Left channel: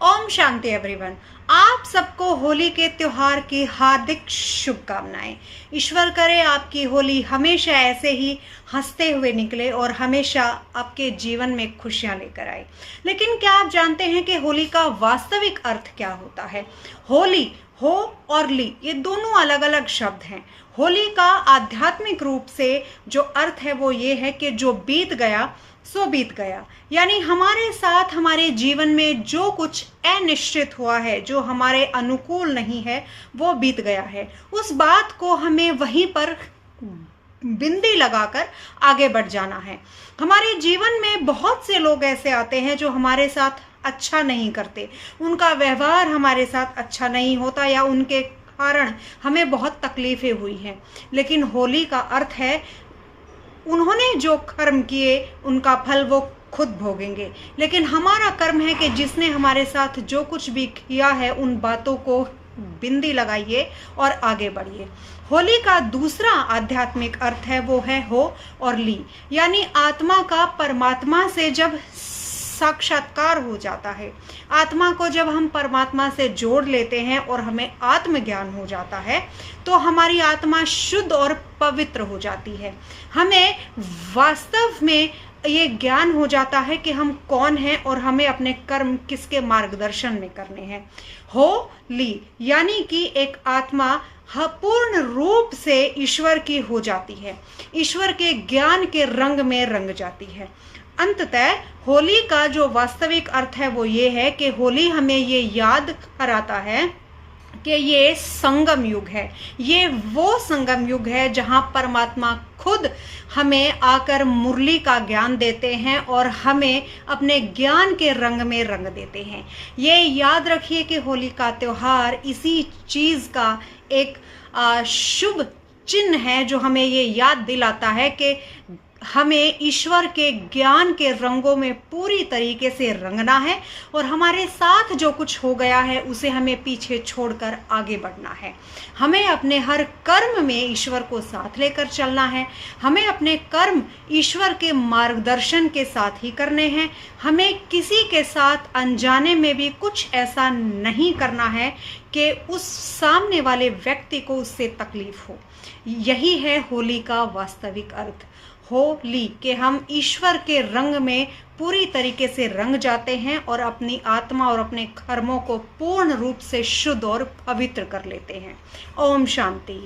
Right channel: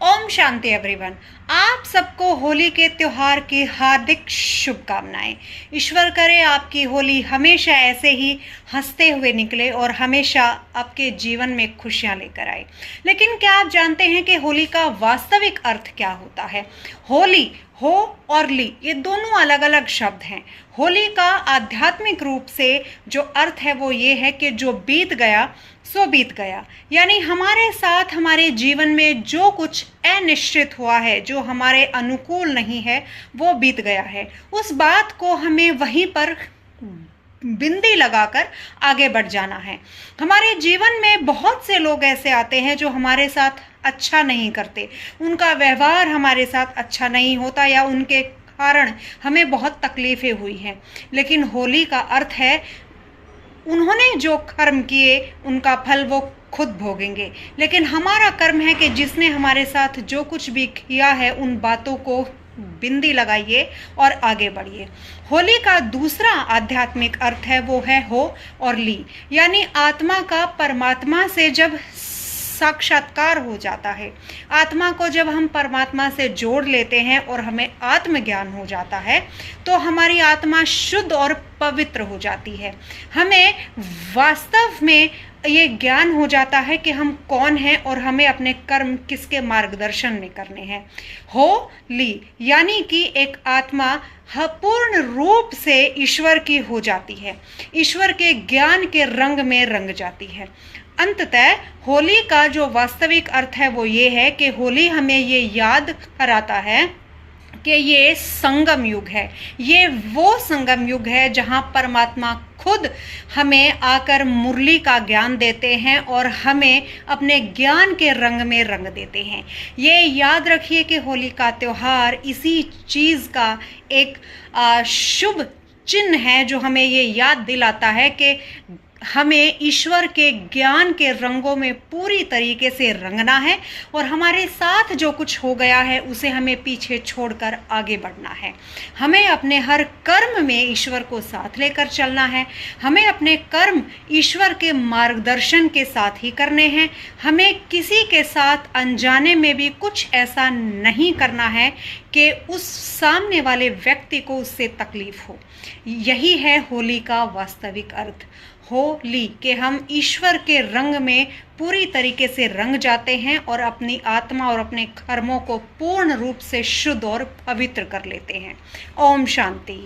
Om Shanti everyone. आप सबको होली के त्योहार की हार्दिक शुभकामनाएं। ईश्वर करे आपकी होली हमेशा ऐसे ही हंसते हुए निकले और हमेशा आपके जीवन में खुशियां लेकर आए। लेकिन क्या आप जानते हैं कि होली का वास्तविक अर्थ क्या होता है? होली, हो और ली, ये दोनों अलग अलग शब्द हैं। होली का आध्यात्मिक रूप से जो अर्थ है वो ये है कि जो बीत गया सो बीत गया, यानी हमारे साथ हमारे जीवन में जो कुछ अनिश्चित हुआ है, जो हमारे अनुकूल नहीं है, वो बीत गया है। उस बात को हमें वहीं पर बिंदी लगाकर आगे बढ़ जाना है। हमारे जीवन में बहुत से लोग ऐसे आते हैं जो हमारे साथ अच्छा नहीं करते, उनका व्यवहार हमारे साथ अच्छा नहीं होता या उनके कारण हमें बहुत तकलीफें हुई हैं। लेकिन होली का अर्थ है उन्होंने जो कर्म किए उनका फल वो खुद भोगेंगे। लेकिन हमारा कर्म है कि जिसने हमारे साथ जो कुछ भी किया है उन बातों को बिंदी लगाइए और आगे बढ़िए। होली का दूसरा आध्यात्मिक अर्थ है वो है हो और ली, यानी आत्मा का परमात्मा से जब साक्षात्कार हो जाता है। आत्मा को जब हम परमात्मा से जोड़ लेते हैं और हमें आत्मज्ञान हो जाता है तो हमारी आत्मा शुद्ध और पवित्र हो जाती है। हमें वास्तव में ये ज्ञान हो जाता है कि हम कौन हैं और हमें अपने कर्म किसके मार्गदर्शन में करने हैं। हो ली यानी कि एक आत्मा पूर्ण रूप से ईश्वर की हो जाती है, ईश्वर के ज्ञान के रंग में रंग जाती है। अंततः होली का जो वास्तविक अर्थ है वो ये है कि होली हमें ये याद कराता है कि ये संगम युग है। ये वो संगम युग है जहां परमात्मा खुद हमें आकर मुरली का ज्ञान देते हैं और हमें अपने ज्ञान के रंग में रंग देते हैं। ये याद रखिए कि होली का त्योहार इसी चीज़ का एक शुभ चिन्ह है जो हमें ये याद दिलाता है कि हमें ईश्वर के ज्ञान के रंगों में पूरी तरीके से रंगना है और हमारे साथ जो कुछ हो गया है उसे हमें पीछे छोड़कर आगे बढ़ना है। हमें अपने हर कर्म में ईश्वर को साथ लेकर चलना है। हमें अपने कर्म ईश्वर के मार्गदर्शन के साथ ही करने हैं। हमें किसी के साथ अनजाने में भी कुछ ऐसा नहीं करना है कि उस सामने वाले व्यक्ति को उससे तकलीफ हो। यही है होली का वास्तविक अर्थ। होली कि हम ईश्वर के रंग में पूरी तरीके से रंग जाते हैं और अपनी आत्मा और अपने कर्मों को पूर्ण रूप से शुद्ध और पवित्र कर लेते हैं। ओम शांति।